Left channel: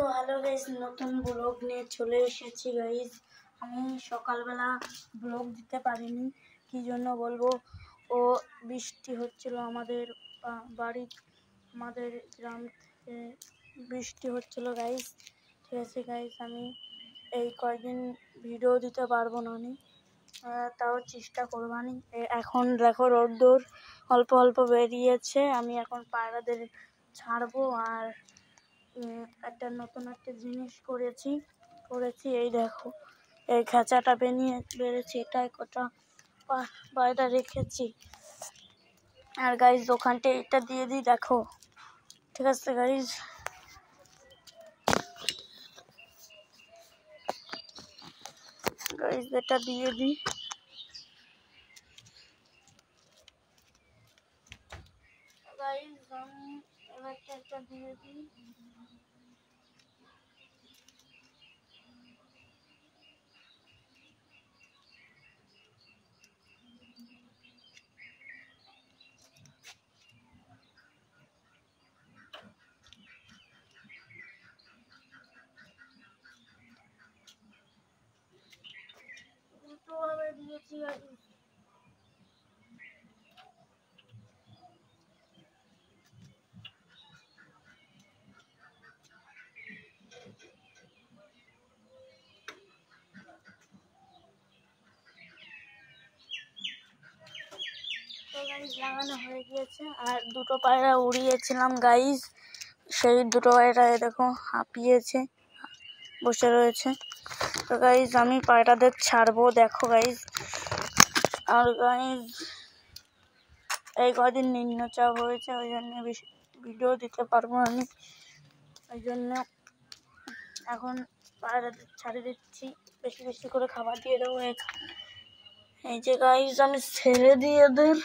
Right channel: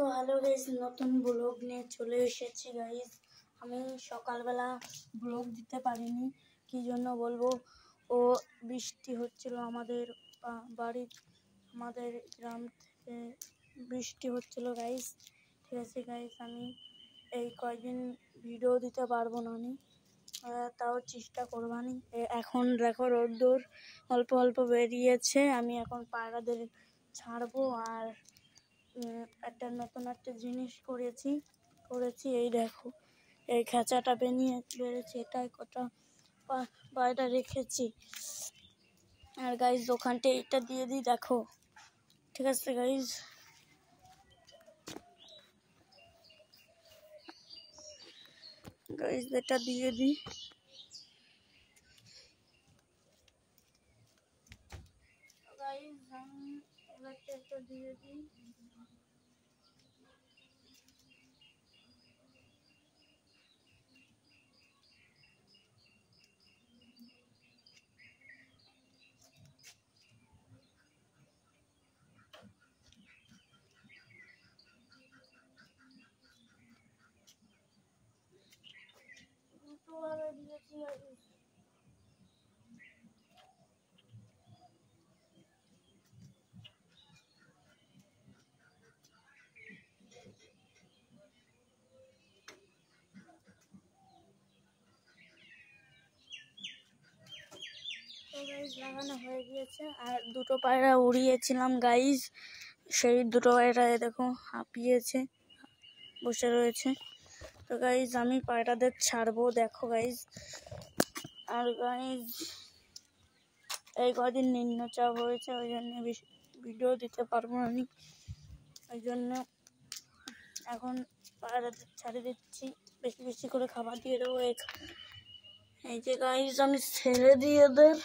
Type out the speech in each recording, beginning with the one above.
তো hello guys, নতুন ব্লগ নিয়ে চলে এসেছি গাইস। আমি সকালবেলা ব্লগ দিতে পারিনি, কি জন্য বলবো। ও বৃষ্টি হচ্ছিল আমাদের বাড়ি, আমাদের গ্রাম থেকে বৃষ্টি হচ্ছিল গাইস। ঠিক আছে গাইস, আমি এই কয়েকদিন ভিডিও দিতে পারবো না, তাও চেষ্টা করবানি। এখন দেখো রোদ্দুর অল্প অল্প বেরিয়েছে, আমি এখন পায়রাদের ছাড়বো। আর একটা নতুন একটা জিনিস করেছি, এই দেখো এই খাঁচাটা বেড়েছে, এটাই কটা পায়রা রেখেছি। আর গাইজ দোকানটা এটা দিয়ে দিই, দেখো। ঠিক আছে গাইজ, এটা দিয়ে দিই। গাইজ আমি এবার একটা দিয়ে দিই। দুটোভাবে দিয়েছি গাইজ। গাইজ লাগানো হয়ে গিয়েছে। আর দুটো পায়রা উড়িয়েছিলাম গাইজ, সেই দুটো পায়রা দেখো হাঁপিয়েছে, বসে রয়েছে। তো গাইজ আমি পায়রাদের ছাড়বো, দেখো গাইজ। আর গাইজ এই কদিন নিম্নচাপ হয়েছে, ওই জন্য ভিডিও দিতে পারবো না আমি, ওই জন্য এখন পায়রাদের ছাড়ে দিচ্ছি। বেশি বেশি করে খাবার দিয়ে দেবো। এই যে গাইজ আমি ছেড়ে দিই এদের।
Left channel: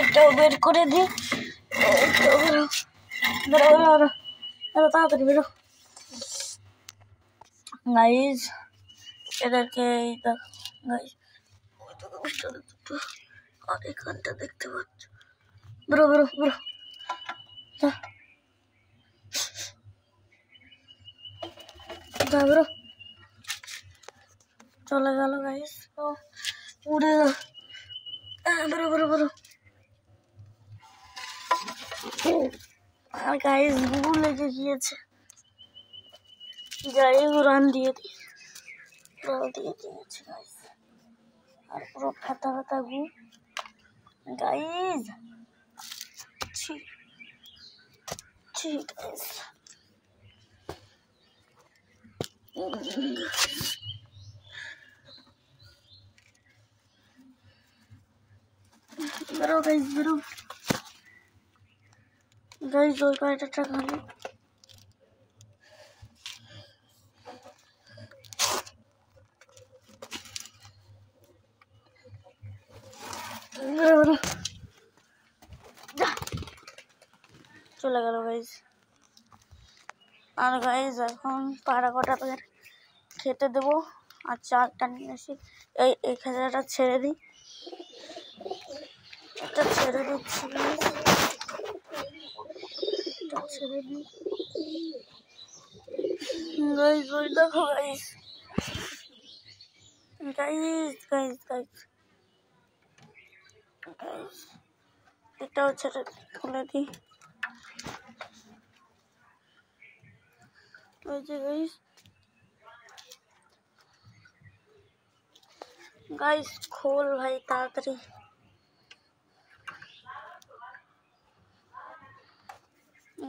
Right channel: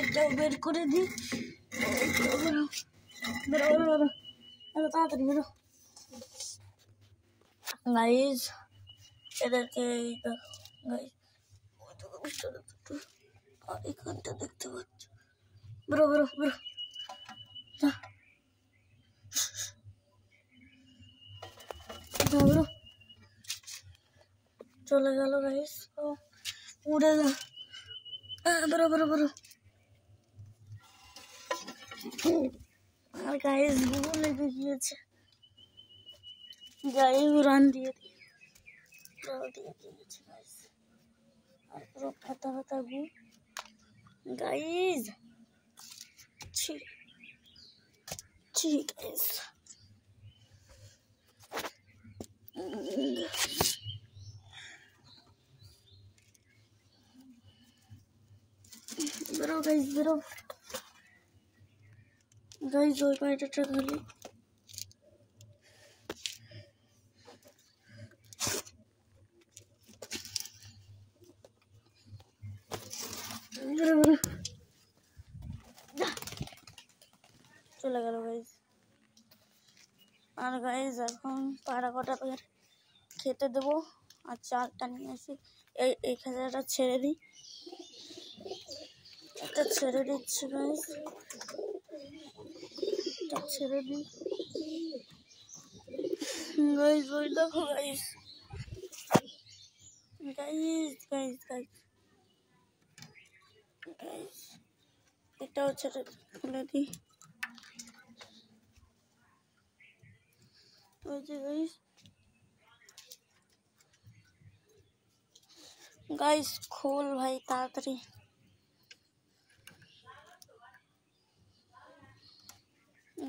এটাও বের করে দিই, তাড়াতাড়ি বেরো গাইজ। এদেরকে এখানটা দেখতে পাচ্ছ, বেরো বেরো বেরো, বেরো। চলে গেল গাইজ, উড়ে গেল। বেরো বেরো বেরো। আর গাইজ গু লেগে গিয়েছে, গায়ে উড়ান দিয়ে দিয়েছে গাইজ। আর পুরো ফাতা ফাতা গু গাইজ, গাইজ। বেরো গাইজ, বেরো গাইজ। ওই পায়রাটা খালি চলে গেল গাইজ। আর গাইজ এখন পায়রা কটা খেতে দেবো, আর চারটা নিয়ে আসি। এই খাঁচাটা ছেড়ে দিই, এটা ছেড়ে দিচ্ছি গাইজ, এটা ছেড়ে দিই গাইজ। ওই দেখো guys, guys guys guys guys, এটাও ছেড়ে খুলে দিই। ওই যে গাইজ, গাইজ খোল ভাই তাড়াতাড়ি।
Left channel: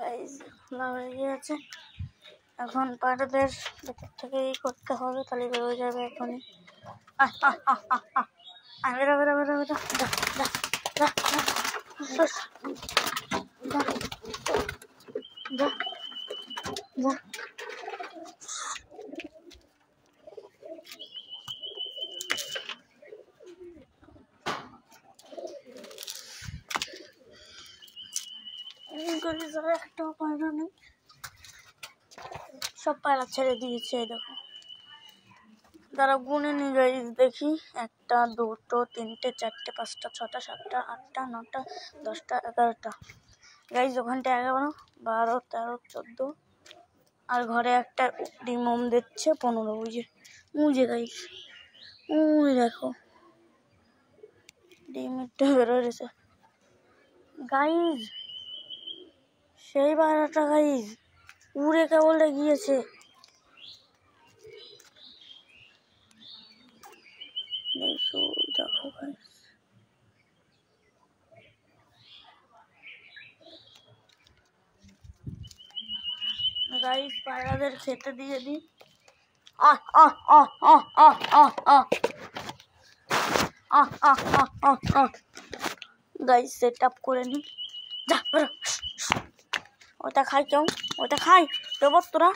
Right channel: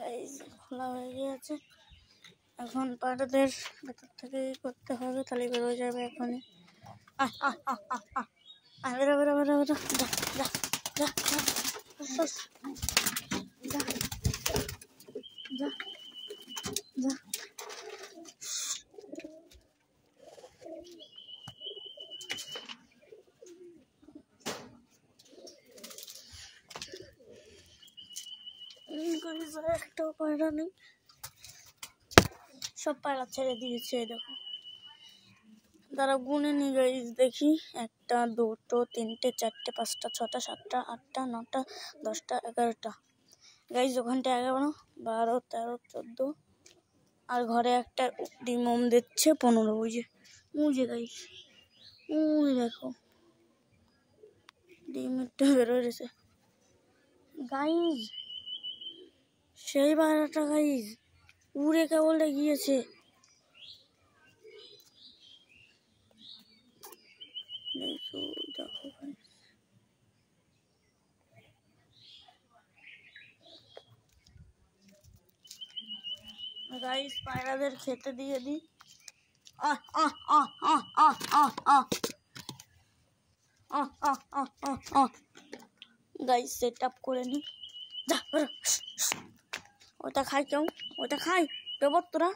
গাইজ খোলা হয়ে গিয়েছে, এখন পায়রাদের ভেতর থেকে করতে হবে, তাহলে বেরো যাবে এখনই। বেরো বেরো বেরো বেরো, একটা একটাও পায়রা নেই, সব পায়রা ছেড়ে দিয়েছে। দেখো তারা গুনে নি গাইজ, দেখি 1টা 2টো 3টে 4টে 5টা 6টা 7টা 8টা 9টা 10টা 11টা গাইজ। ওখানটা 11 12 13 14 আর ঘরে একটা ডিম দিচ্ছে 15। ওই যে মুজে গাইজ, ওই দেখো ডিমটা বেরোয়েছে গাইজ। সেই পায়রাটা গাইজ উড়ে কেবল গিয়েছে। দেখো দেখো গাইজ, পায়রাদের খেতে দিয়ে দিই। গাইজ সেট আপ করে নি। যা ওটা খাই, কেউ ওটা খাই দেবো তোরা।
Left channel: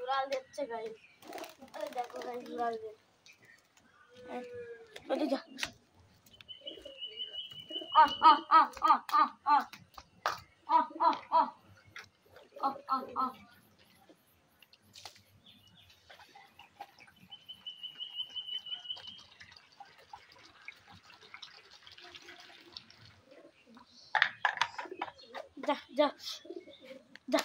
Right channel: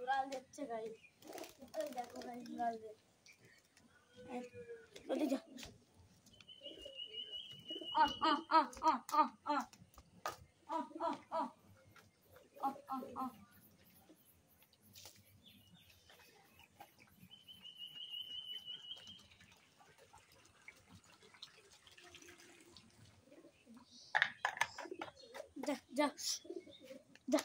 উড়াল দিচ্ছে গাইজ, দেখো গাইজ উড়াল দিচ্ছে। যা যা যা যা।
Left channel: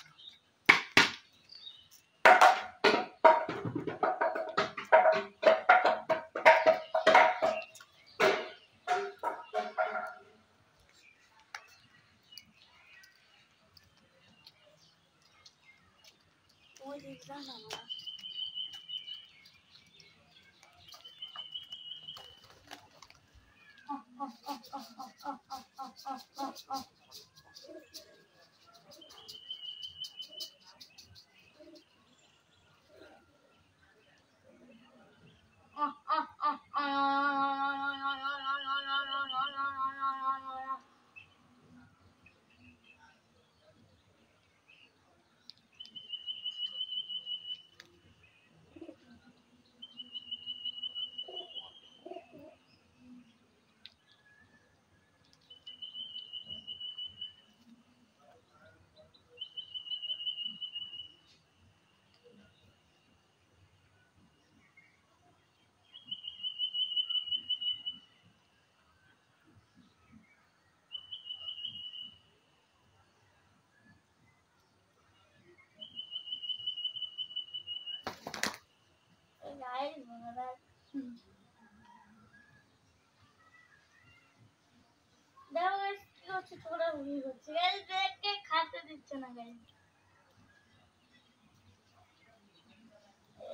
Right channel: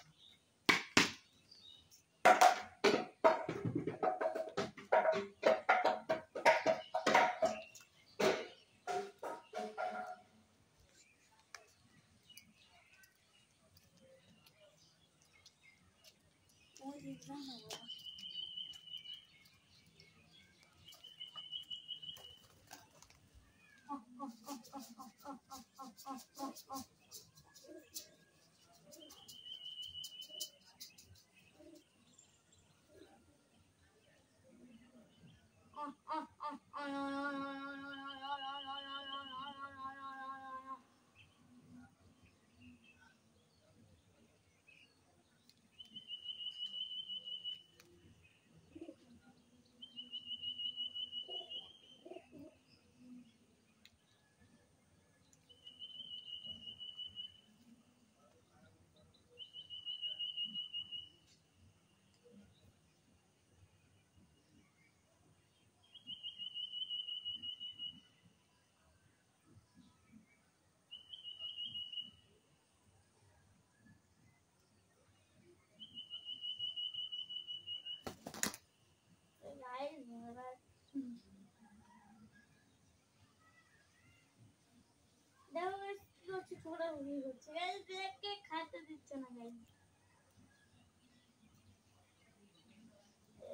খাতে দিচ্ছে না গাইজ।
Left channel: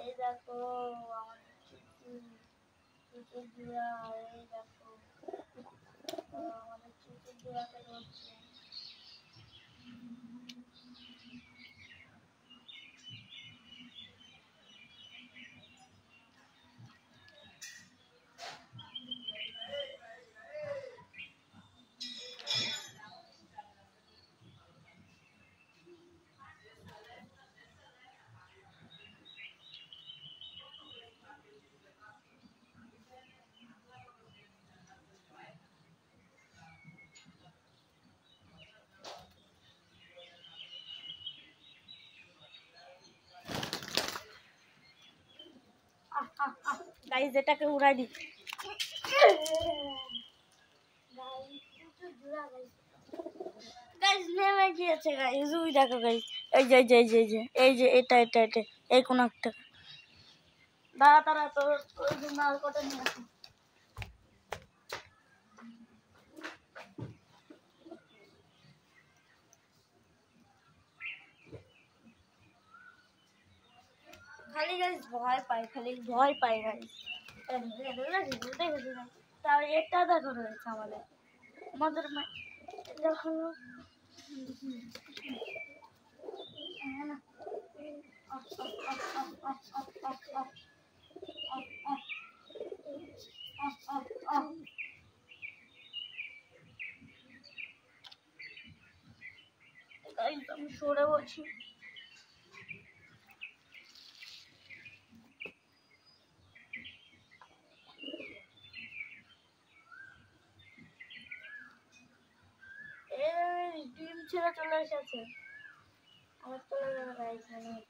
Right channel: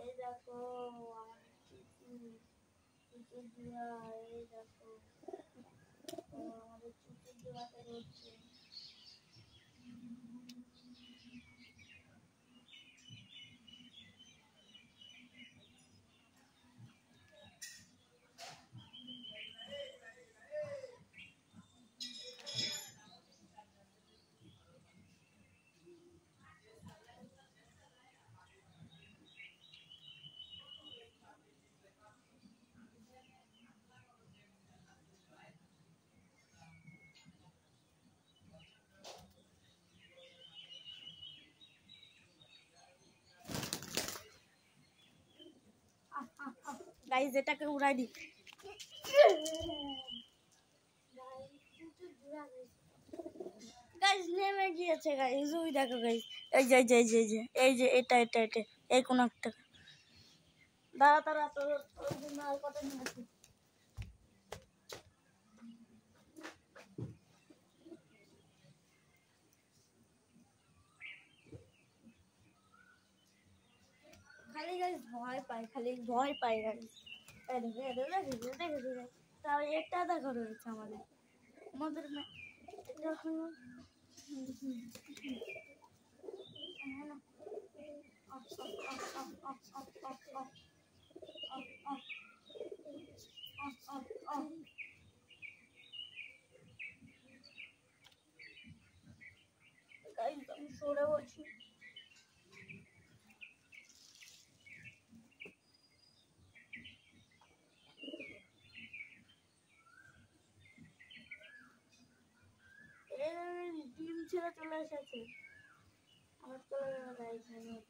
এই দেখো আমাদের চুচুর জোড়া, এই দেখো আমাদের চুচুর জোড়াকে ধরছে। গাইজ এটাকে উড়াই দি। গাইজ নেমে গিয়েছে গাইজ, ওই দেখো গাইজ, এই যে এই যে এই যে এই যে এটা এটা এটা এই কোন একটা। দাঁড়া দাঁড়া তোর মাল কটা নিয়ে আসি। খালি গাইস ভয় পাই, খালি ভয় পাই গাইস। তার এটা দেখো রয়েছে আমাদের আমাদের যখন আমি সরে বলছি। ডিম ছেড়ে চলে এসেছে, আমার চলে যাবে গাইস।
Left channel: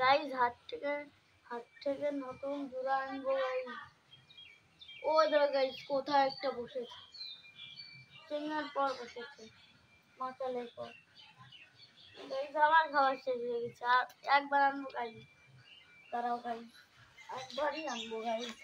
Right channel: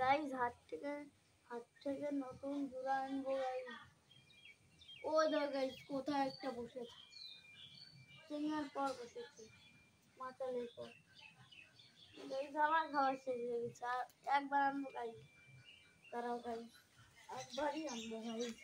গাইস হাত থেকে নতুন জোড়া আনবো গাইস। ও দেখো গাইস কোথায় একটা বসেছে, চিংড়ার পর বসেছে, মাতালের পর। গাইস আমার খাবার শেষ হয়ে গেছে, আর একবার আনবো গাইস, তারাও গাইস একবারই আনবো গাইস।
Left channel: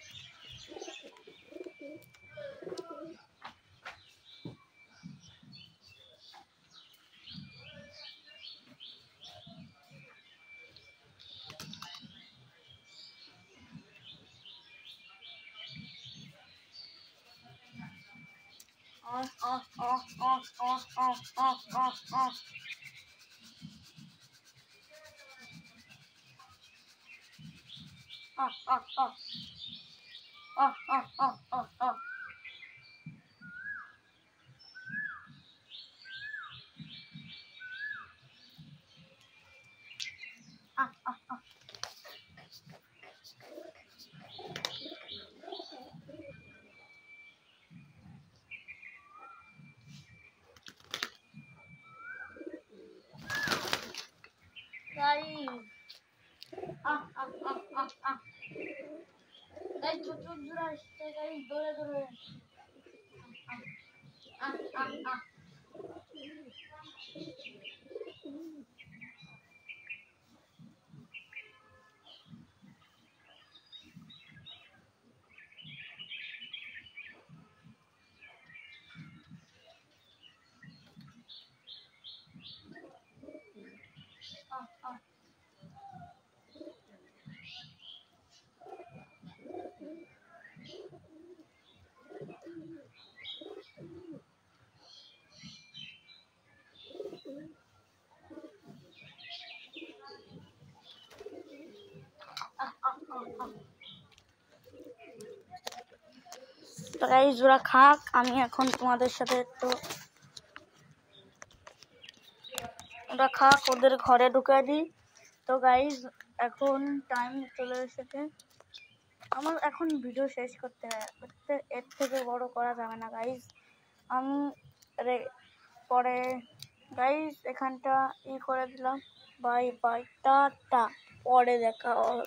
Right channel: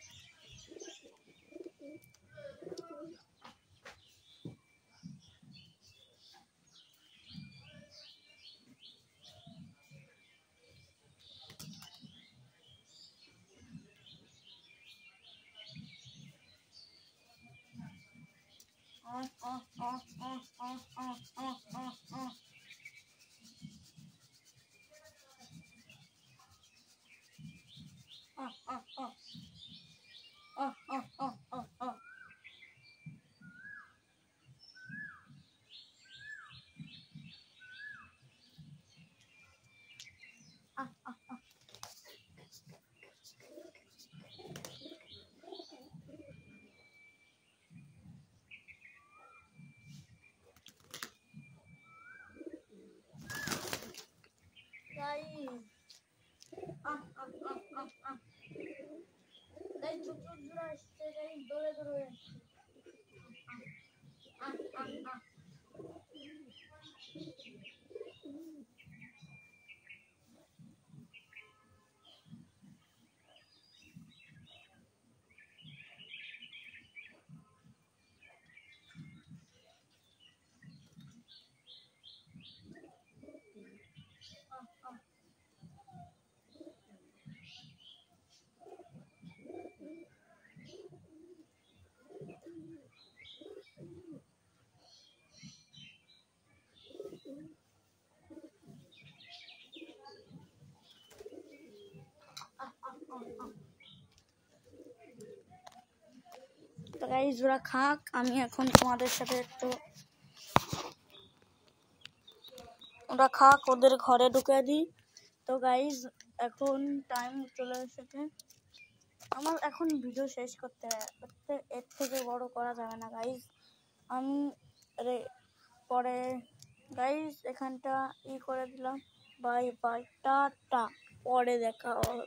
গাইস ওরা খাক, আমি এখন তোমাদের সাথে একটু ওরা খাক, ওদের ঘরে ঢুকে দিই। তো গাইস এখন টাইম চলে এসেছে, আমার এখন ভিডিও শেষ করতে হয়, এর থেকে বড় করা যাবে না গাইস। আমি পরে গাইস এখানটা করে দিলাম। বাই বাই, টাটা, পরে দেখা হবে।